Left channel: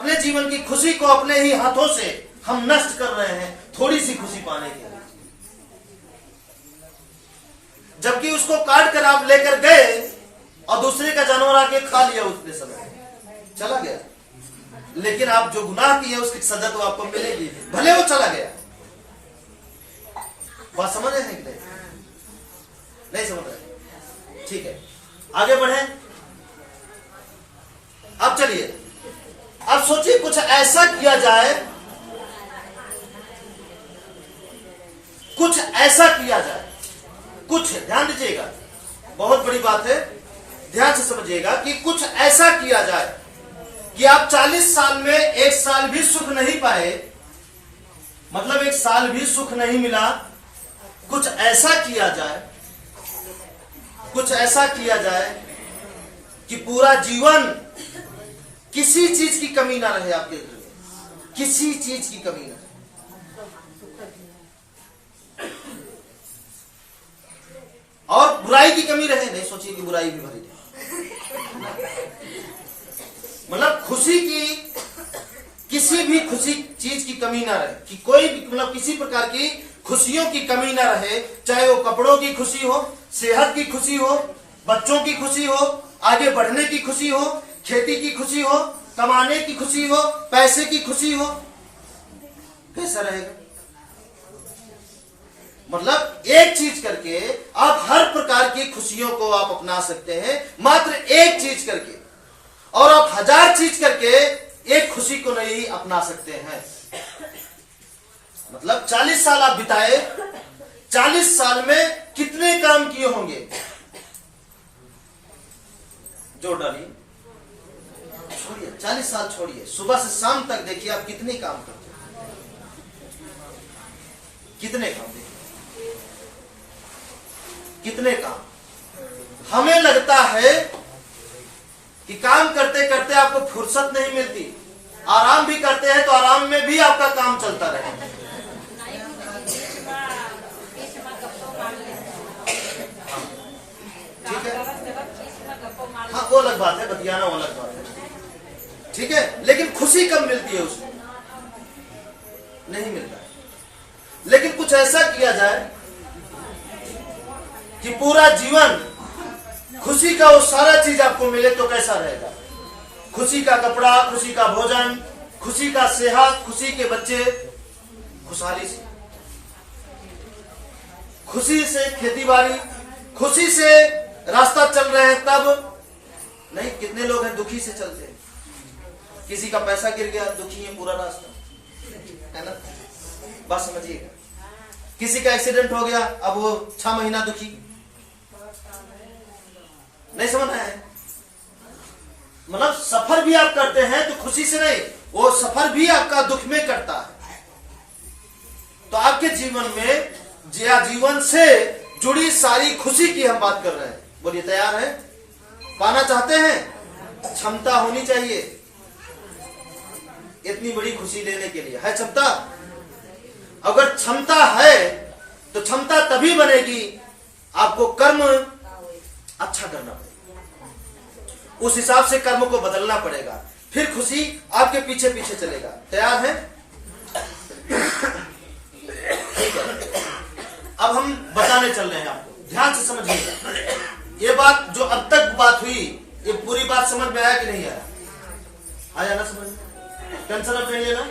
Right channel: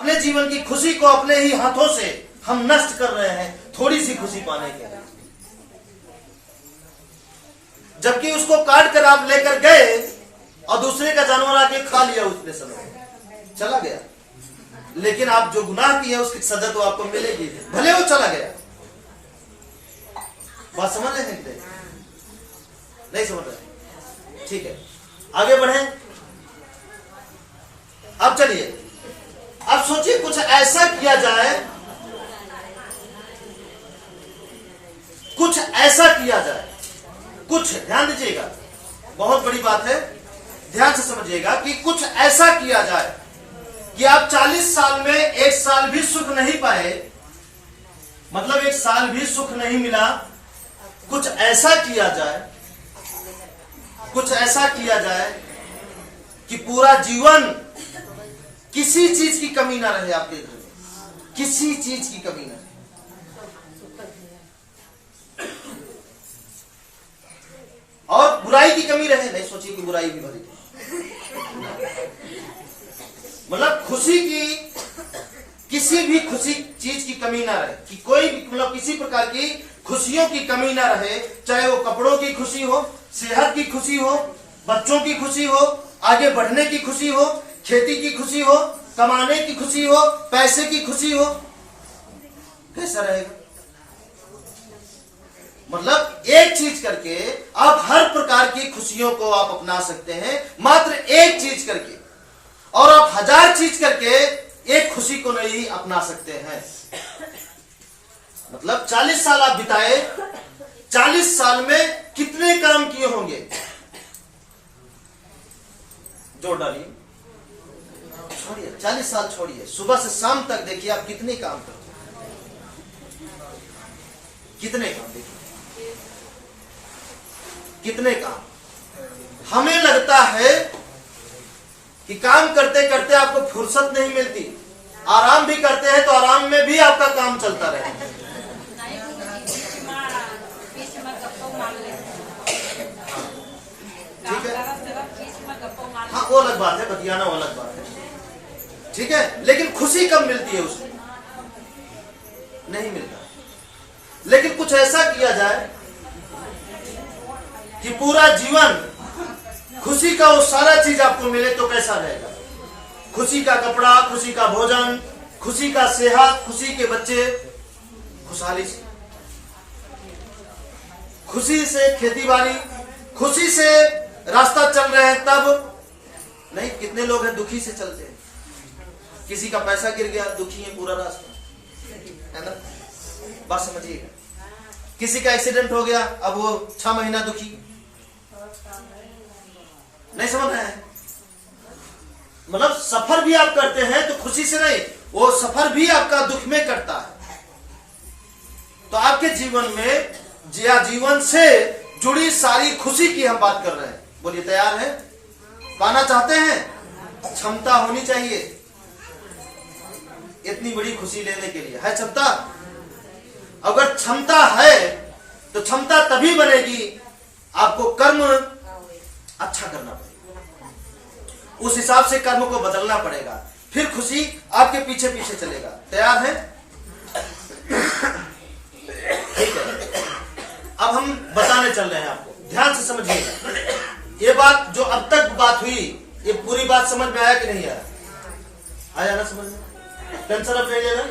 अपने जीवन की खुशी को अपने ही हाथों से हम नष्ट कर रहे हैं थोड़ी सी खुशी पाने के लिए। जबकि उसको काट कर आप लेकर गए और दूसरे का जानवर आके खा लिया, उसने समय चला गया, लेकिन आप जो गुनाह किए उसकी सजा तो आपको मिलेगी, भले वो चला गया। बात समझ रहे हैं कि नहीं समझ रहे? ठीक है, आगे बढ़े। अब चलिए, अब सोचिए कुछ ऐसा किया जाए, कुछ ऐसा किया जाए, कुछ, ध्यान दीजिएगा, बहुत बड़ी बात है, ध्यान से समझिएगा कि कुछ ऐसा किया जाए कि आप 40 साल में एक साल भी सुख नहीं पाए, मतलब एक साल भी सुख नहीं मिला। कुछ ऐसा किया जाए, कुछ ऐसा किया जाए कि पूरा जीवन किसी चीज की कमी ना रहे आपके घर में, किसी चीज की कमी ना रहे। और बुराई की कमी रहे, नहीं सोचिए कि बुराई भी भरी, मतलब खुशी की, किसी भी खुशी चीज की कमी ना रहे, कि कोई भी, मतलब किसी प्रकार की खुशियों की कमी ना रहे, चाहे वो कपड़ों की खुशी हो, सेहत की खुशी हो, बच्चों की खुशी हो, आगे बढ़ने की खुशी हो, खेती की खुशी हो, कमाने की खुशी हो, पैसे की खुशी हो, कैसा रहेगा? मतलब एक चीज करके आप हर प्रकार की खुशियों को आप अपना सकते हैं, मात्र एक चीज करके, और आप 1000 चीज करके एक खुशी को नहीं अपना सकते हैं। मतलब 40 साल आप बिताए, 40 साल में कितने काम किए होंगे? जोड़ डालिए, छोड़िए 40 साल छोड़िए, सुबह से शाम तक देखिए आप कितने काम करते हैं, कितने काम, देखिए कितने काम। हमें लगता है कि काम करते करते आपको फुर्सत नहीं मिलती, आराम भी करते हैं तो आराम में भी आपका काम चलता रहे। ठीक है, हाँ वो अलग बात है, बतियाना वो अलग बात है, ठीक है, लेकिन खुशी कब मिलती है? उसको नहीं मिलता। लेकिन कुछ ऐसा किया जाए कि पूरा जीवन खुशी का वो सारा चीज आपको मिले, तो कैसा रहेगा? खुशी का कपड़ा, खुशी का भोजन, खुशी का सेहत, खुशी के बच्चे, खुशहाली से, खुशी से खेती बाड़ी, खुशी से रास्ता चल रहे हैं तब नहीं। कितने लोग हैं दुखी से चलते हैं, किसी का पैसा गिर गया, दुखी है पूरा रास्ता, है ना? बात समझिएगा। किसी का एक्सीडेंट हो गया, अब वो 6 महीना दुखी, नहीं समझ रहे हैं? मतलब सफर भी आप करते हैं तो खुशी से नहीं, वो सफर भी आपका दुख में करता है। तो आपके जीवन में जीवन से जुड़ी सारी खुशी की हम बात कर रहे हैं। बोलिए, तैयार है? पाना चाहते हैं? क्षमता होनी चाहिए इतनी बड़ी खुशी लेने के लिए, है क्षमता? अगर क्षमता है तो क्षमता तभी बनेगी, आपको कर्म अच्छा करना पड़ेगा, उस हिसाब से कर्म को बदलना पड़ेगा, फिर खुशी आपके पीछे पीछे चलेगा। तैयार है? ठीक है, अब हम बताने चल रहे हैं आपको, ध्यान से समझिएगा। ये बात जो अब तक बात हुई, ये पूरी बात समझ में आया कि नहीं आया? आया ना समझ में? टेंशन अब नहीं लेना,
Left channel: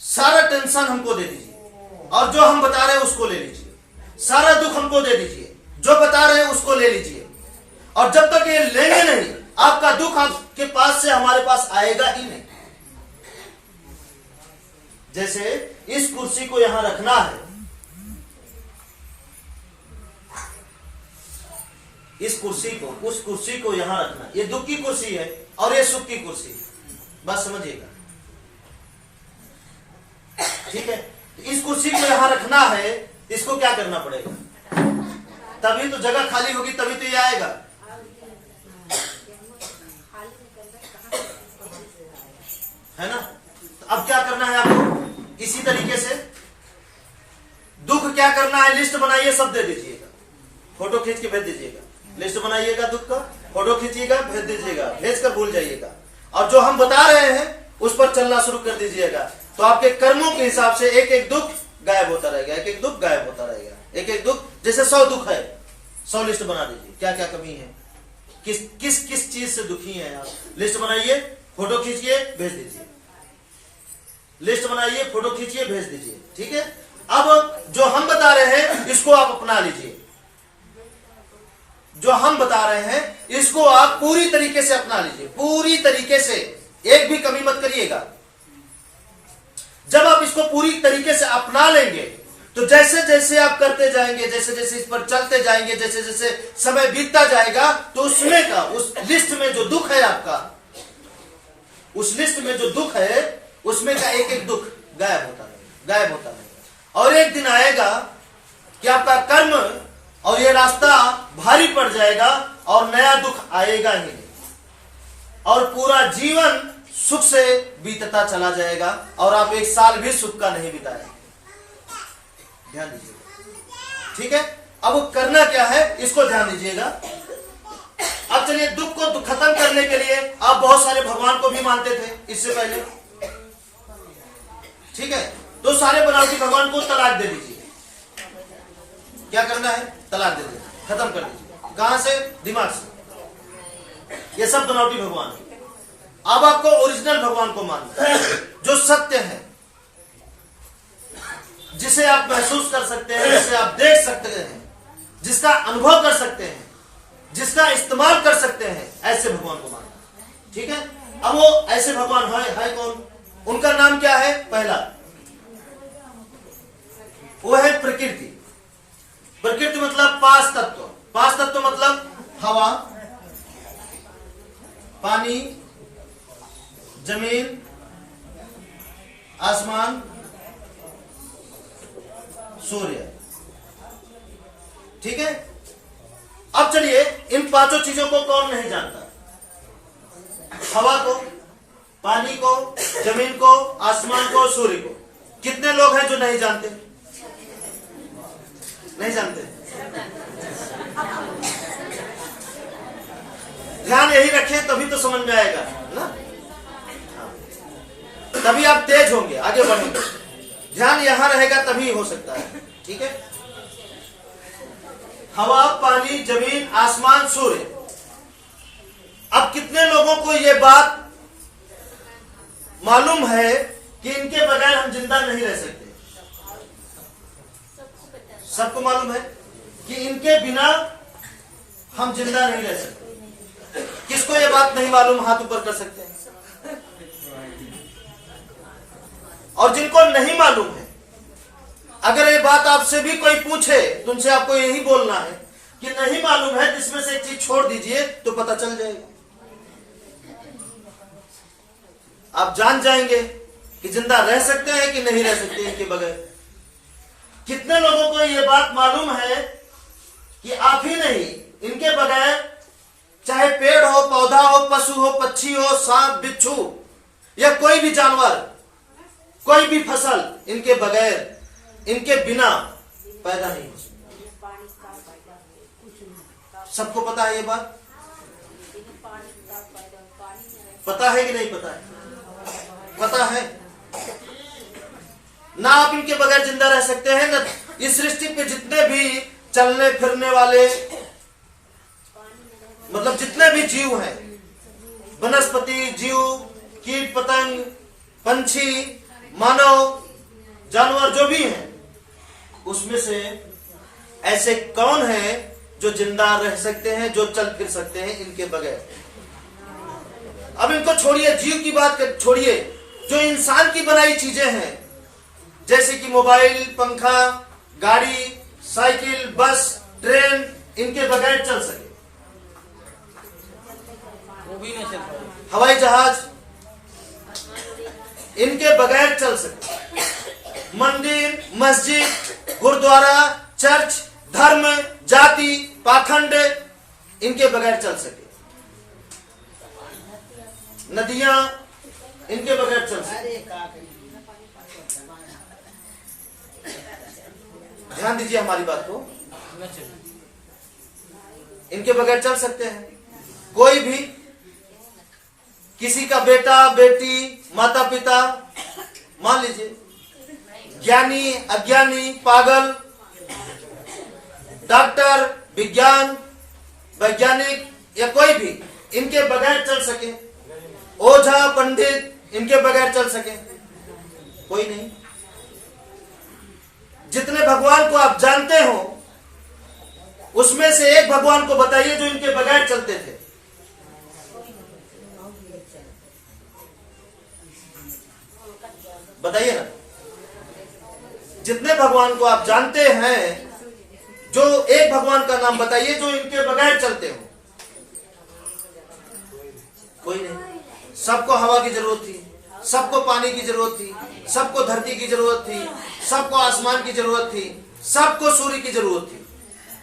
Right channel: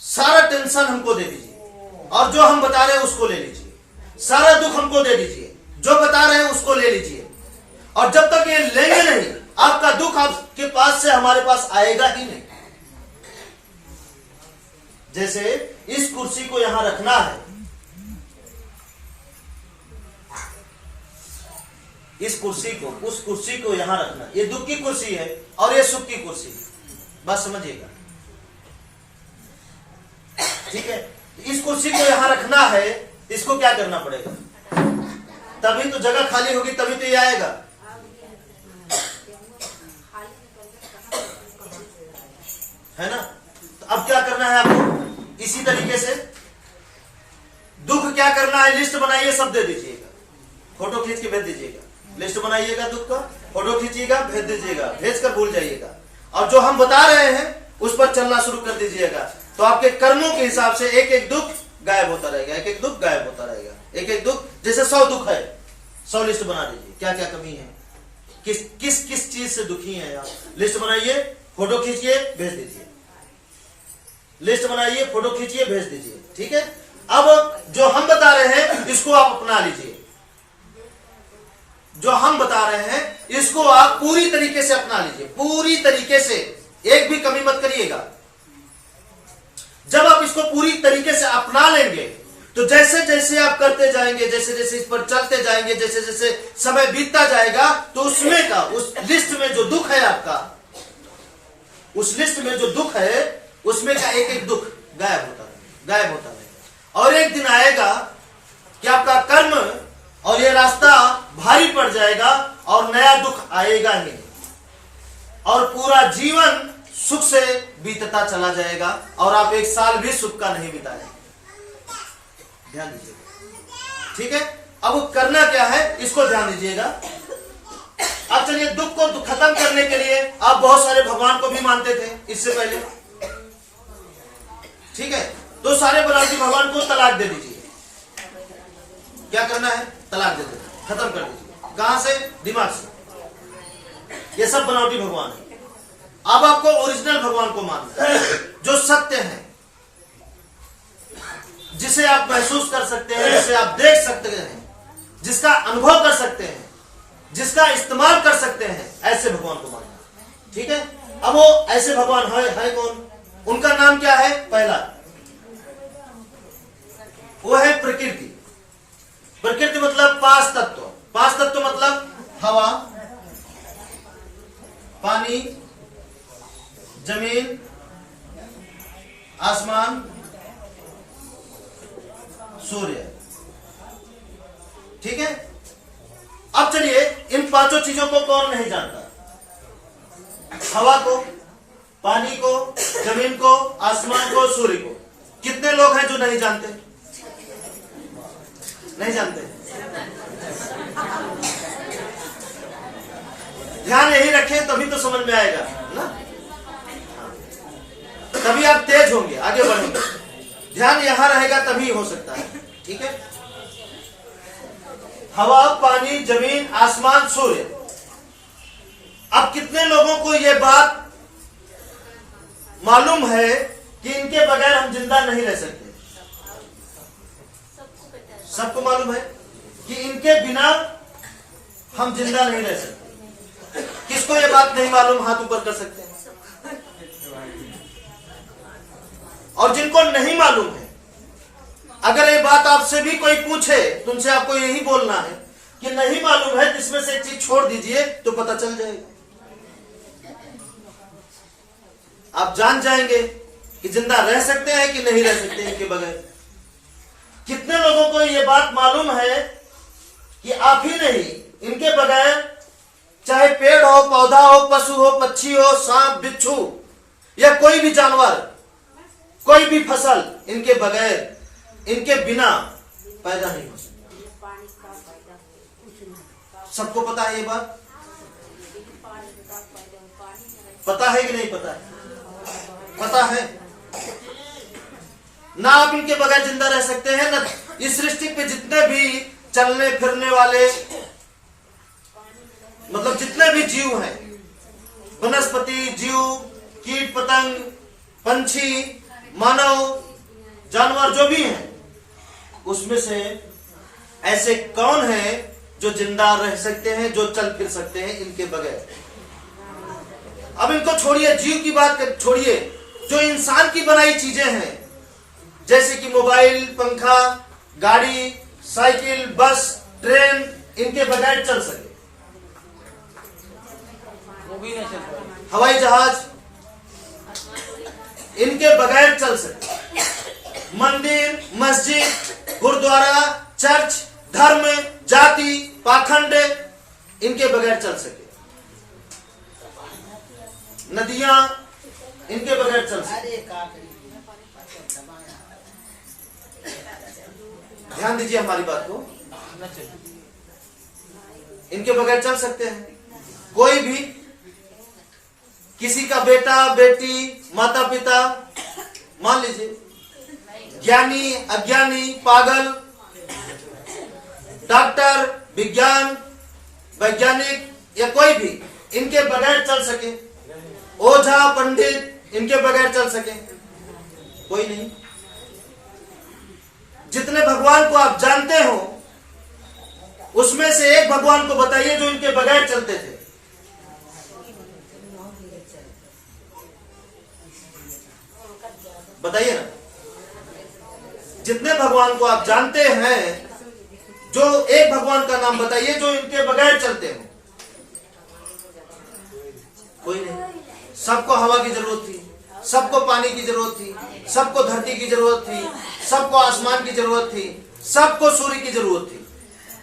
सारा टेंशन हमको दे दीजिए और जो हम बता रहे हैं उसको ले लीजिए, सारा दुख हमको दे दीजिए, जो बता रहे हैं उसको ले लीजिए, और जब तक ये लेंगे नहीं, आपका दुख आपके पास से हमारे पास आएगा ही नहीं। जैसे इस कुर्सी को यहां रखना है, इस कुर्सी को, उस कुर्सी को यहां रखना, ये दुख की कुर्सी है और ये सुख की कुर्सी है, बात समझिएगा, ठीक है? इस कुर्सी को यहां रखना है, इसको क्या करना पड़ेगा? तभी तो जगह खाली होगी, तभी तो ये आएगा, है ना? तो अब क्या करना है आपको? इसी तरीके से दुख क्या करना है, लिस्ट बनाइए, सब दे दीजिएगा, फोटो खींच के भेज दीजिएगा, लिस्ट बनाइएगा दुख का, फोटो खींचिएगा, भेज दीजिएगा, भेज कर भूल जाइएगा, और जो हम बता रहे हैं उस पर चलना शुरू कर दीजिएगा, तो आपके कर्मों के हिसाब से एक एक दुख गायब होता रहेगा, एक एक दुख गायब होता रहेगा, एक एक दुख। जैसे 100 दुख है, 100 लिस्ट बना दीजिए, क्या क्या कमी है, किस किस किस चीज से दुखी हैं आप, लिस्ट बनाइए, फोटो खींचिए, भेज दीजिए, लिस्ट बनाइए, फोटो खींचिए, भेज दीजिए, ठीक है। अब जो हम बता रहे हैं इसको आप अपना लीजिए, जो हम बता रहे हैं इसको आप पूरी तरीके से अपना लीजिए, पूरी तरीके से, एक भी कमी मत करिएगा। जब आप इसको पूरी तरीके से अपना लेंगे तो जैसे जैसे आप करते जाएंगे, जैसे जैसे इस पर चलते जाएंगे, जैसे जैसे समय बीतता जाएगा, तो उसमें का, उस लिस्ट में जो दुख है आपका, उस लिस्ट में जो दुख है उसमें का एक एक दुख गायब होता रहेगा, गायब होता रहेगा। और एक दिन आएगा कि आपका कर्म और ये रास्ता भारी पड़ जाएगा और नया दुख आएगा ही नहीं, और पूरा जीवन सुख से बीतता चला जाएगा और आप एक साल भी सुख का नहीं बिताए। ध्यान दीजिएगा, ठीक है। अब वो करना क्या है इसको ध्यान दीजिएगा। अब चलिए, दुख को खत्म करने के लिए आप बहुत सारे भगवान को भी मानते थे इससे पहले, ठीक है। तो सारे बनावटी भगवान को तलाक दे दीजिए। क्या करना है, तलाक दे दीजिए, खत्म कर दीजिए। कहां से, दिमाग से। ये सब बनावटी भगवान है। अब आपको ओरिजिनल भगवान को मानना है, जो सत्य है, जिसे आप महसूस कर सकते हैं, जिसे आप देख सकते हैं, जिसका अनुभव कर सकते हैं, जिसका इस्तेमाल कर सकते हैं, ऐसे भगवान को मानना, ठीक है। अब वो ऐसे भगवान है कौन, उनका नाम क्या है, पहला वो है प्रकृति। प्रकृति मतलब पांच तत्व, पांच तत्व मतलब हवा, पानी, जमीन, आसमान, सूर्य, ठीक है। अब चलिए, इन पांचों चीजों को कौन नहीं जानता, हवा को, पानी को, जमीन को, आसमान को, सूर्य को। कितने लोग हैं जो नहीं जानते, नहीं जानते। ध्यान यही रखें तभी तो समझ में आएगा ना, तभी आप तेज होंगे, आगे बढ़ेंगे। ध्यान यहां रहेगा तभी हो सकता है, ठीक है। हवा, पानी, जमीन, आसमान, सूर्य। अब कितने लोगों को यह बात मालूम है कि इनके बगैर हम जिंदा नहीं रह सकते? सबको मालूम है कि इनके बिना हम जिंदा नहीं रह सकते। किसको ये बात नहीं मालूम, हाथ ऊपर कर सकते हैं। और जिनको नहीं मालूम है, अगर ये बात आपसे भी कोई पूछे, तुमसे आपको यही बोलना है कि नहीं मालूम है, जिसमें से एक चीज छोड़ दीजिए तो पता चल जाएगा। आप जान जाएंगे कि जिंदा रह सकते हैं कि नहीं रह सकते इनके बगैर। कितने लोगों को यह बात मालूम है कि आप ही नहीं, इनके बगैर चाहे पेड़ हो, पौधा हो, पशु हो, पक्षी हो, सांप, बिच्छू या कोई भी जानवर, कोई भी फसल इनके बगैर, इनके बिना पैदा नहीं हो सकती। सबको पता है ये बात? पता है कि नहीं पता है? पता है ना। आप इनके बगैर जिंदा रह सकते हैं ना। इस सृष्टि पे जितने भी चलने फिरने वाले, मतलब जितने भी जीव हैं, वनस्पति जीव, कीट पतंग, पंछी, मानव, जानवर जो भी हैं, उसमें से ऐसे कौन हैं जो जिंदा रह सकते हैं, जो चल फिर सकते हैं इनके बगैर? अब इनको छोड़िए, जीव की बात छोड़िए, जो इंसान की बनाई चीजें हैं, जैसे कि मोबाइल, पंखा, गाड़ी, साइकिल, बस, ट्रेन, इनके बगैर चल सके? हवाई जहाज इनके बगैर चल सके? मंदिर, मस्जिद, गुरुद्वारा, चर्च, धर्म, जाति, पाखंड इनके बगैर चल सके? नदियां इनके बगैर चल सके? ध्यान दीजिए हमारी बात को, इनके बगैर चल सकते हैं? कोई भी किसी का बेटा बेटी माता पिता, मान लीजिए ज्ञानी अज्ञानी, पागल, डॉक्टर, विज्ञान वैज्ञानिक या कोई भी इनके बगैर चल सके, ओझा पंडित इनके बगैर चल सके, कोई नहीं। जितने भगवान को आप जानते हो उसमें से एक भगवान को बताइए जो इनके बगैर चलते थे। बताइए ना, जितने भगवान को आप जानते हैं, जो एक भगवान का नाम बताइए जो इनके बगैर चलते हो। कोई नहीं। सबको हवा की जरूरत थी, सबको पानी की जरूरत थी, सबको धरती की जरूरत थी, सबको आसमान की जरूरत थी, सबको सूर्य की जरूरत थी।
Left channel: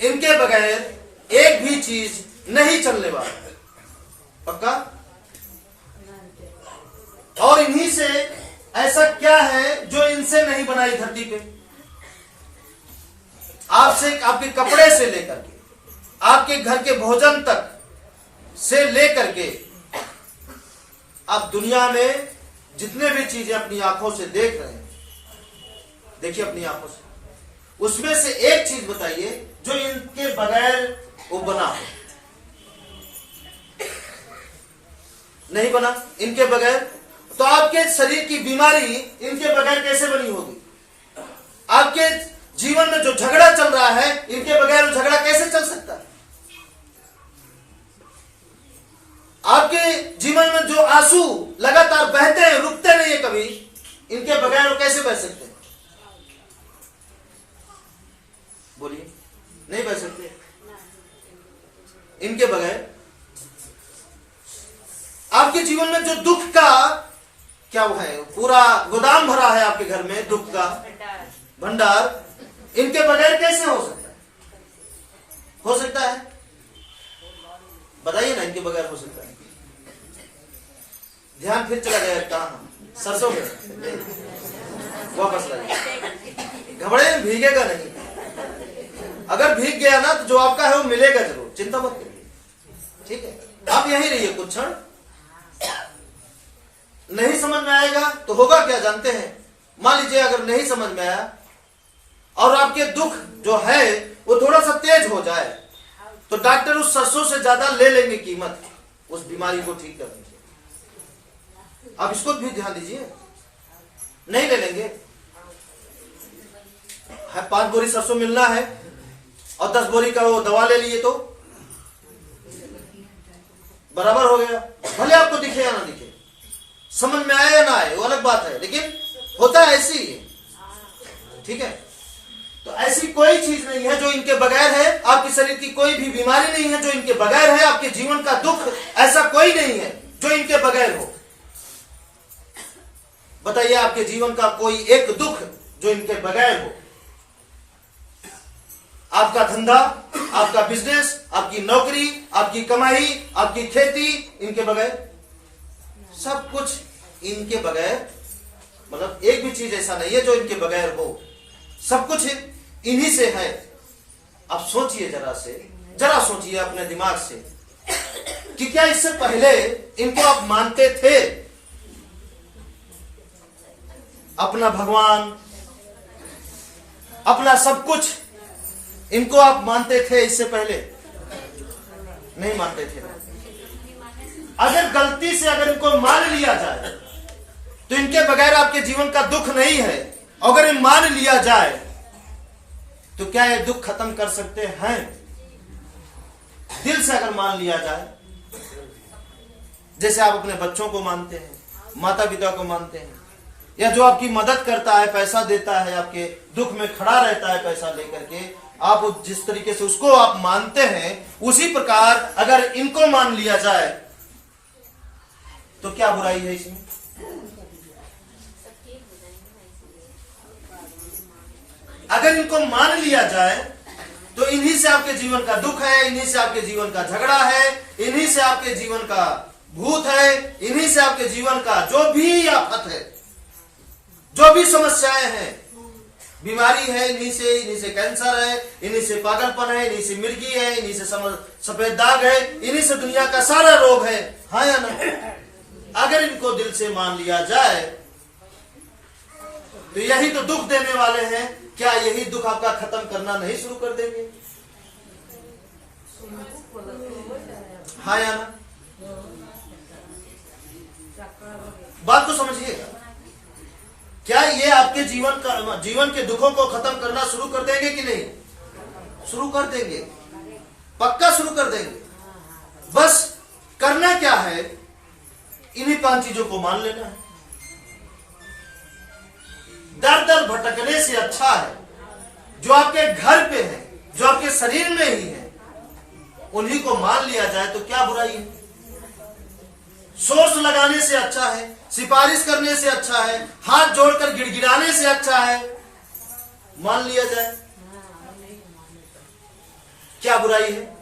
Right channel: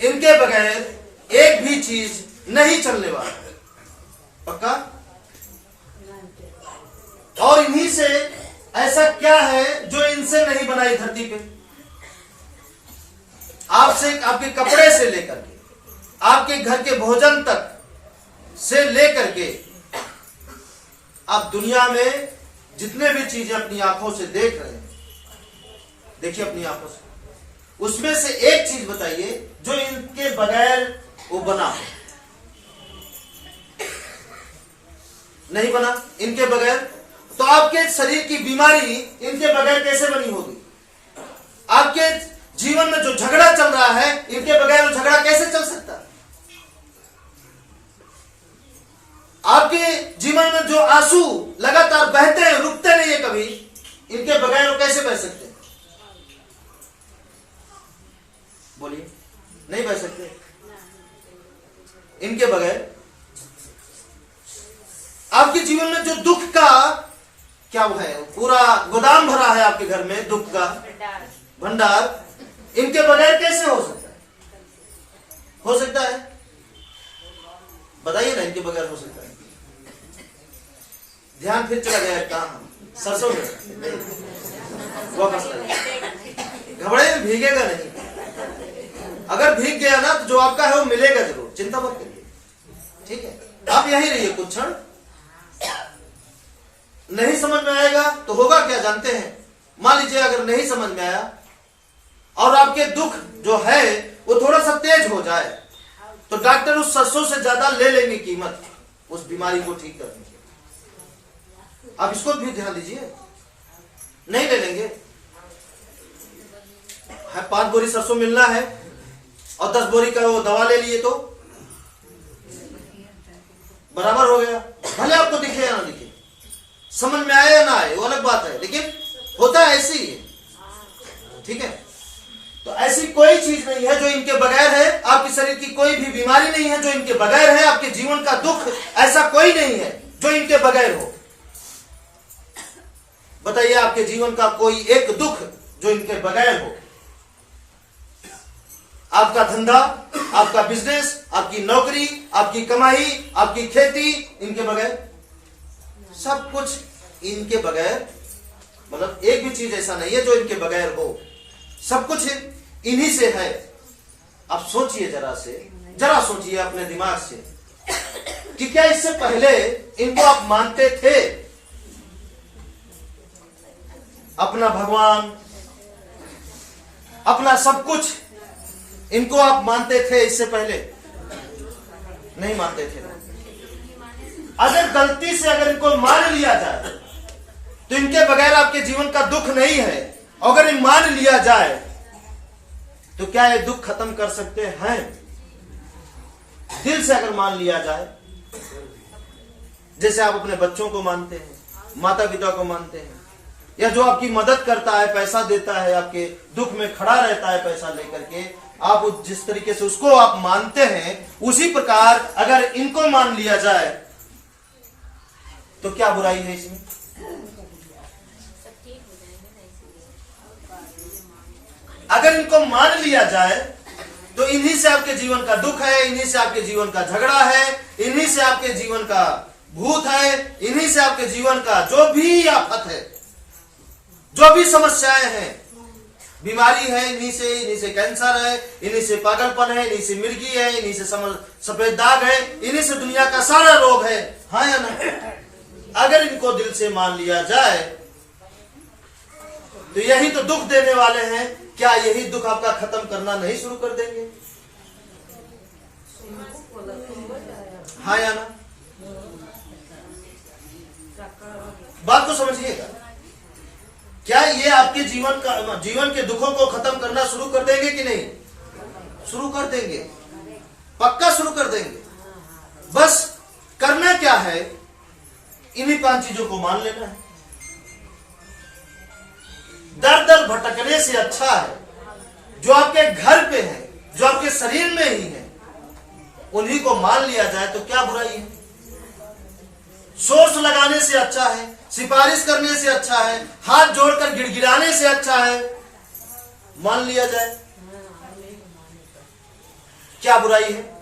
इनके बगैर एक भी चीज नहीं चलने वाला। पक्का? और इन्हीं से ऐसा क्या है जो इनसे नहीं बनाई धरती पे? आपसे, आपके कपड़े से लेकर के, आपके घर के भोजन तक से लेकर के, आप दुनिया में जितने भी चीजें अपनी आंखों से देख रहे हैं, देखिए अपनी आंखों से, उसमें से एक चीज बताइए जो इनके बगैर वो बना हो। नहीं बना इनके बगैर। तो आपके शरीर की बीमारी इनके बगैर कैसे बनी होगी? आपके जीवन में जो झगड़ा चल रहा है, इनके बगैर वो झगड़ा कैसे चल सकता है? आपके जीवन में जो आंसू लगातार बहते हैं, रुकते नहीं है कभी, इनके बगैर वो कैसे बह सकते हैं? बोलिए, नहीं बह सकते इनके बगैर। आपके जीवन में जो दुख का क्या वो है, पूरा गोदाम भरा है आपके घर में, दुख का भंडार, इनके बगैर कैसे हो सकता है? हो सकता है? बताइए ना, इनके बगैर हो सकता है? ध्यान फिर चला गया कहां? सरसों में वापस लगा। घबराए में भीगेगा नहीं। अगर भीग गया ना तो जो आपका है वो मिलेगा जरूर, चिंता मत करिए। ठीक है, आप यहीं रहिए कुछ क्षण। नहीं समझ में आएगा तो होगा क्या जानते हैं? मान लीजिए अगर नहीं समझ में आया और आपके दुख जो है वो थोड़ा सा तेज हो जाए, तो डॉक्टर उस सरसों से ज्यादा ले लेंगे कीमत उस बीमारी को ठीक करने की। आप इसको भी ध्यान दीजिए, नहीं ले लेंगे। 5 बोरी सरसों मिलना है और 10 बोरी का वो दवा ले लिए तो बराबर हो गया। भले आपको दिखे या ना दिखे, समझ में आए या ना आए वो अलग बात है, लेकिन होता है ऐसे ही है। ठीक है, तो ऐसी कोई चीज नहीं है जो इनके बगैर है। आपके शरीर की कोई भी बीमारी नहीं है जो इनके बगैर है। आपके जीवन का दुख ऐसा कोई नहीं है जो इनके बगैर हो। बताइए, आपके जीवन का कोई एक दुख जो इनके बगैर हो? आपका धंधा, आपका बिजनेस, आपकी नौकरी, आपकी कमाई, आपकी खेती, इनके बगैर? सब कुछ इनके बगैर, मतलब एक भी चीज ऐसा नहीं है जो इनके बगैर हो। सब कुछ इन्हीं से है। आप सोचिए, जरा सोचिए अपने दिमाग से कि क्या इससे पहले इनको आप मानते थे? अपना भगवान, अपना सब कुछ इनको आप मानते थे इससे पहले? नहीं मानते थे। अगर गलती से अगर इनको मान लिया जाए तो इनके बगैर आपके जीवन का दुख नहीं है। अगर ये मान लिया जाए तो क्या ये दुख खत्म कर सकते हैं? दिल से अगर मान लिया जाए, जैसे आप अपने बच्चों को मानते हैं, माता पिता को मानते हैं, या जो आपकी मदद करता है, पैसा देता है, आपके दुख में खड़ा रहता है पैसा लेकर के, आप जिस तरीके से उसको आप मानते हैं, उसी प्रकार अगर इनको मान लिया जाए तो क्या बुराई है इसमें? अगर इनको मान लिया जाए तो इन्हीं से आपके जीवन का दुख है, इन्हीं से आपके जीवन का झगड़ा है, इन्हीं से आपके जीवन का भूत है, इन्हीं से आपके जीवन का जो भी आफत है, जो भी समस्याएं हैं, बीमारी है, इन्हीं से कैंसर है, इन्हीं से पागलपन है, इन्हीं से मिर्गी है, इन्हीं से सफेद दाग है, इन्हीं से दुनिया का सारा रोग है। हाँ या ना? अगर इनको दिल से मान लिया जाए तो यही तो दुख देने वाले हैं, क्या यही दुख आपका खत्म करना नहीं शुरू कर देंगे? हाँ या ना? बात को समझिएगा। क्या ये आपके जीवन के दुखों को खत्म करना शुरू कर देंगे कि नहीं? शुरू कर देंगे, पक्का शुरू कर देंगे। बस करना क्या है, इन्हीं 5 चीजों को मान लेना है। दर दर भटकने से अच्छा है जो आपके घर पे है, जो आपके शरीर में ही है, उन्हीं को मान लिया जाए तो क्या बुराई है? सोर्स लगाने से अच्छा है, सिफारिश करने से अच्छा है, हाथ जोड़कर गिड़गिड़ाने से अच्छा है, मान लिया जाए, क्या बुराई है?